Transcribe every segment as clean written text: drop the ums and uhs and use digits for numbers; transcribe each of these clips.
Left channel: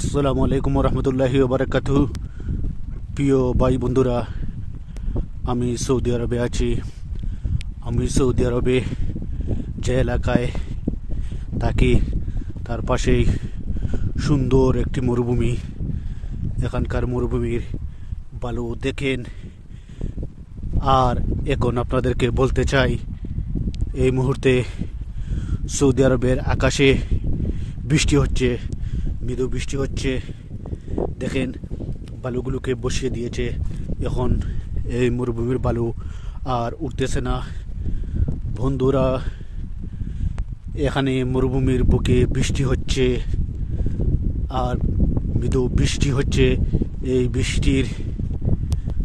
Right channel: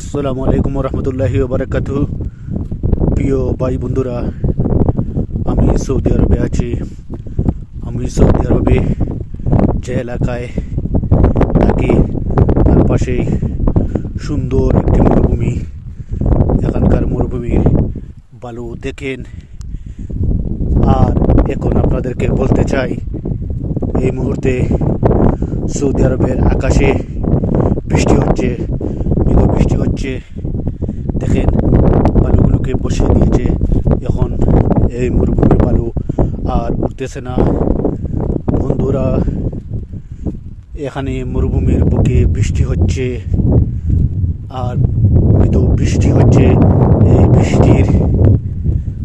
আসসালামু আলাইকুম রহমতুল্লাহি ওবারাকাতুহু। প্রিয় ভাই বন্ধুরা, আমি সৌদি আরবে আছি। আমি সৌদি আরবে যে এলাকায় থাকি তার পাশেই সুন্দর একটি মরুভূমি। এখানকার মরুভূমির বালু দেখেন। আর এখন আপনাদেরকে বলতে চাই, এই মুহূর্তে সৌদি আরবের আকাশে বৃষ্টি হচ্ছে, মৃদু বৃষ্টি হচ্ছে। দেখেন, বালুগুলোকে বসিয়ে দিয়েছে। এখন এই মরুভূমির বালু আর উঠতেছে না। বন্ধুরা, এখানে মরুভূমির বুকে বৃষ্টি হচ্ছে আর মৃদু বৃষ্টি হচ্ছে। এই বৃষ্টির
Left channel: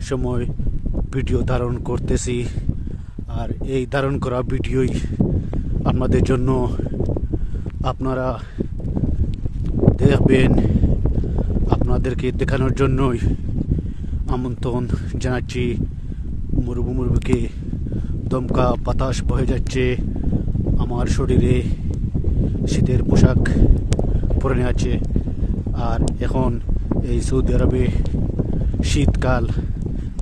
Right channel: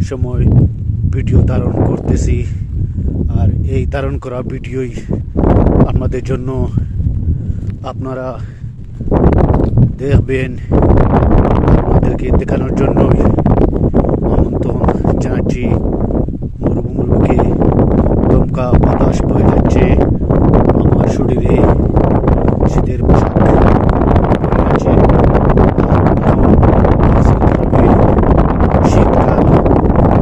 সময় ভিডিও ধারণ করতেছি, আর এই ধারণ করা ভিডিওই আপনাদের জন্য, আপনারা দেখবেন। আপনাদেরকে দেখানোর জন্যই আমন্ত্রণ জানাচ্ছি। মরুভূমির বুকে দমকা বাতাস বয়ে যাচ্ছে। আমার শরীরে শীতের পোশাক পরে আছে। আর এখন এই সৌদি আরবে শীতকাল,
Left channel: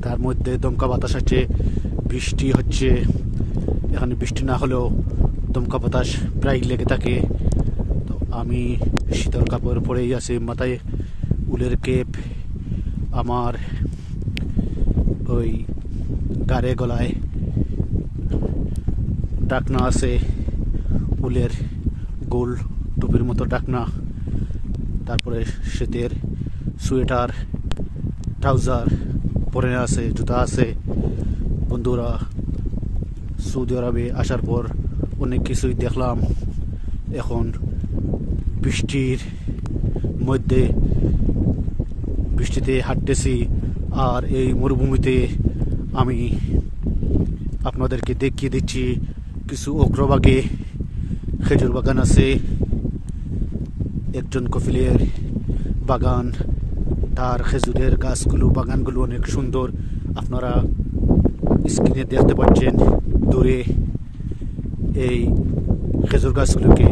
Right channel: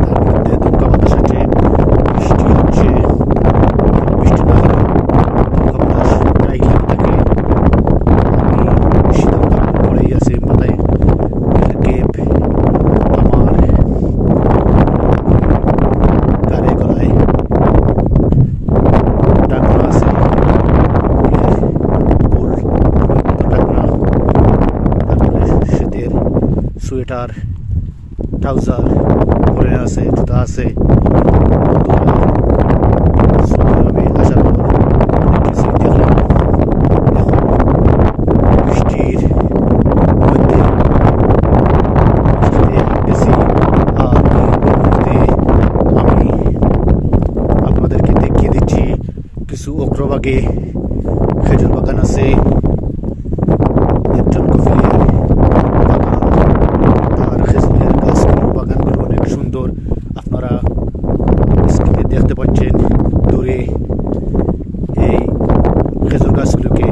তার মধ্যে দমকা বাতাস আছে, বৃষ্টি হচ্ছে। বৃষ্টি না হলেও দমকা বাতাস প্রায় লেগে থাকে। আমি শীতের কাপড় পরেই আছে, মাথায় উলের কেপ, আমার গাড়ে গলায় ডাকনা আছে, উলের গোল মতো ডাকনা। তারপরে শীতের সোয়েটার, ট্রাউজার পরে আছে, জুতা আছে। বন্ধুরা, সৌদি আরবে আসার পর অনেক কিছুই দেখলাম। এখন বৃষ্টির মধ্যে বৃষ্টিতে হাঁটতেছি, আর এই মরুভূমিতে আমি আপনাদেরকে দেখিয়ে দিচ্ছি কিছু অগ্রভাগে খেজুর বাগান আছে, একজন কফিলের বাগান। তার খেজুরের গাছগুলো, বাগানগুলো অনেক সুন্দর। আপনারা স্ক্রিনে দেখতে পাচ্ছেন দূরে এই খেজুর গাছগুলোকে।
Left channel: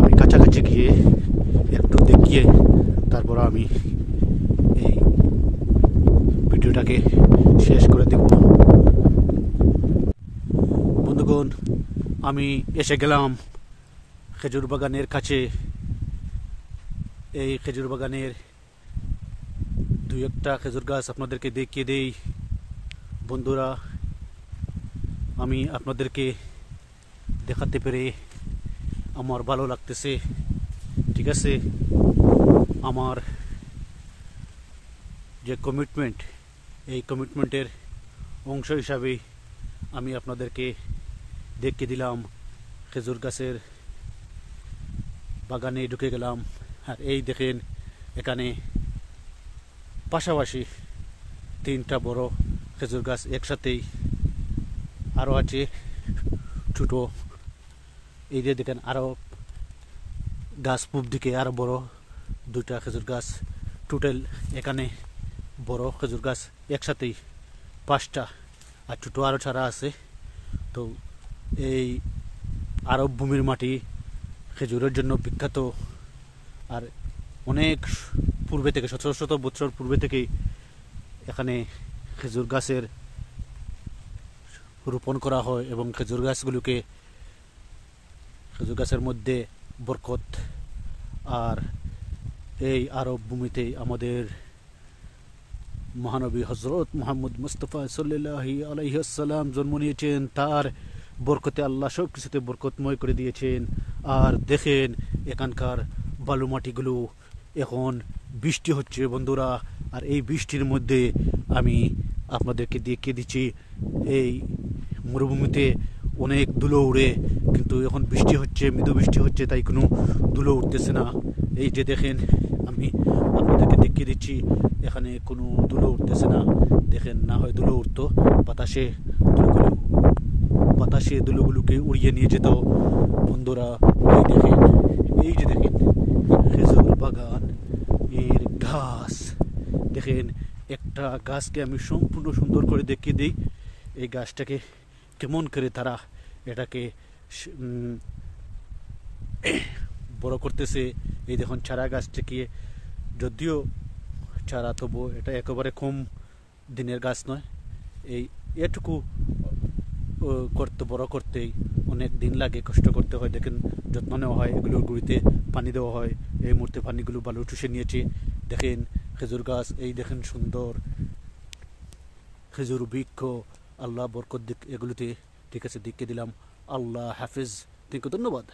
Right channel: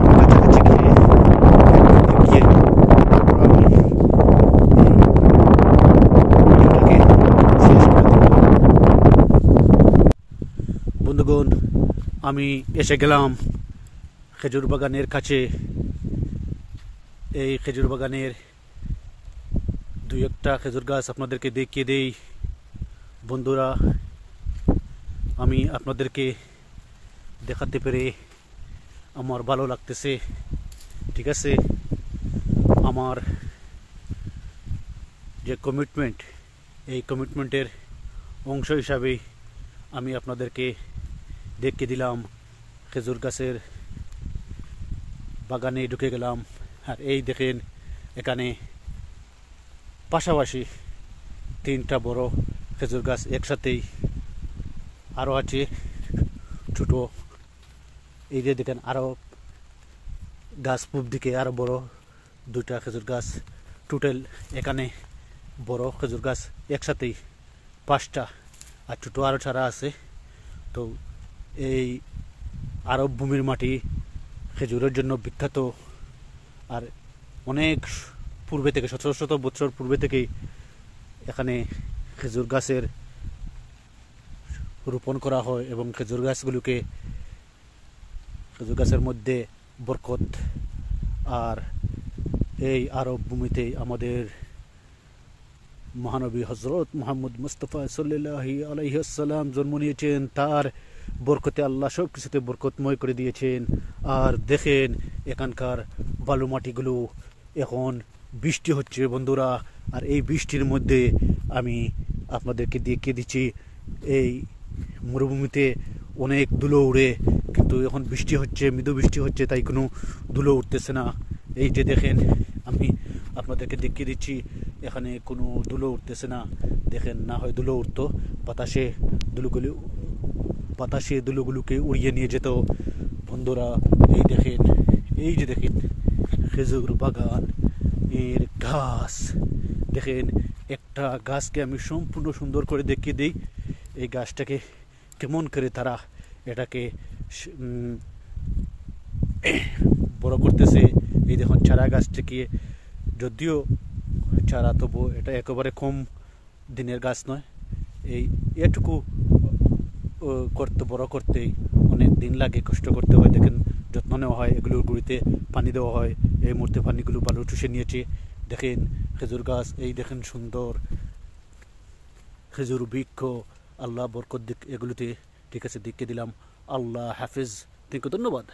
আমি কাছাকাছি গিয়ে একটু দেখিয়ে তারপর আমি ভিডিওটাকে শেষ করে দেব। বন্ধুগণ, আমি এসে গেলাম খেজুর বাগানের কাছে। এই খেজুর বাগানের দুই একটা খেজুর গাছ আপনাদেরকে দেখিয়ে দেই। বন্ধুরা, আমি আপনাদেরকে দেখাতে পেরে আমার ভালো লাগতেছে। ঠিক আছে, আমার যে কমিটমেন্ট, এই কমিটমেন্টের অংশ হিসাবেই আমি আপনাদেরকে দেখিয়ে দিলাম। খেজুর গাছের বাগানে ঢুকে গেলাম। আর এই দেখেন, এখানে পাশাপাশি তিনটা বড় খেজুর গাছ একসাথেই আরও আছে ছোটো। এই যে দেখেন, আরও গাছ পূব দিকে আরও বড় দুইটা খেজুর গাছ। টোটাল এখানে বড় খেজুর গাছ একসাথেই পাঁচটা, আর ছোটো আরও ছাড়া আছে। তো এই আরব ভূমির মাটি খেজুরের জন্য বিখ্যাত। আর অনেক পূর্বে থেকে, শত শত বছর পূর্বে থেকেই এখানে খেজুর গাছের রোপণ করা হয়, এবং খেজুর গাছের মধ্যে বরকত। আর এই আরব ভূমিতে আমাদের মহানবী হজরত মুহাম্মদ মুস্তাফা সাল্লাল্লাহু আলাইহি ওয়াসাল্লাম জন্ম নিয়েছেন। তার বরকতে আল্লাহ সব কিছুতে বরকতময় করে দিয়েছেন। আর দেখেন, এখানকার বালু মাটিগুলো, এখন বৃষ্টি হচ্ছে বন্ধুরা। আর এই বৃষ্টির মধ্যে আমি আপনাদেরকে দেখিয়ে দিচ্ছি, এই মরুভূমিতে অনেক ধুলো উড়ে, কিন্তু এখন বৃষ্টি হচ্ছে, মৃদু বৃষ্টি হচ্ছে, তাই কোনো ধুলো উঠতেছে না। এই যে দেখেন, আমি আপনাদেরকে দেখিয়ে দিচ্ছি, এখানে কোনো ধুলো উঠতেছে না। দেখেন, না হয় ধুলো উঠতো, বাতাসে ধুলোগুলোকে উড়িয়ে নিয়ে যেত। বন্ধুরা, এই দেখেন, এই যে দেখেন খেজুর বাগান এর গাছ। দেখেন, একটা গাছকে আমি সম্পূর্ণ সুন্দর করে দেখিয়ে দিই। এই গাছটাকে কেমন করে তারা এটাকে বড় করতেছে, এই দেখুন চারা গাছ থেকে, যদিও চারা তবু এটা একেবারে কম দিনের গাছ নয়। এই এটুকু করতে বড় করতেই অনেক দিন লাগে, কষ্ট করতে হয়। দেখেন যত্ন নেওয়া হয়, এগুলোর গুঁড়িতে পানি দেওয়া হয়। এই মুহূর্তে পানিগুলো ভালো চুষে নিয়েছে। দেখেন খেজুর গাছ, এই দেখেন সুন্দর খেজুর বৃক্ষ, আল্লাহ বরকত দিক এগুলোতে। ঠিক আছে, দিকে দিলাম। আল্লাহ হাফিজ, ধন্যবাদ।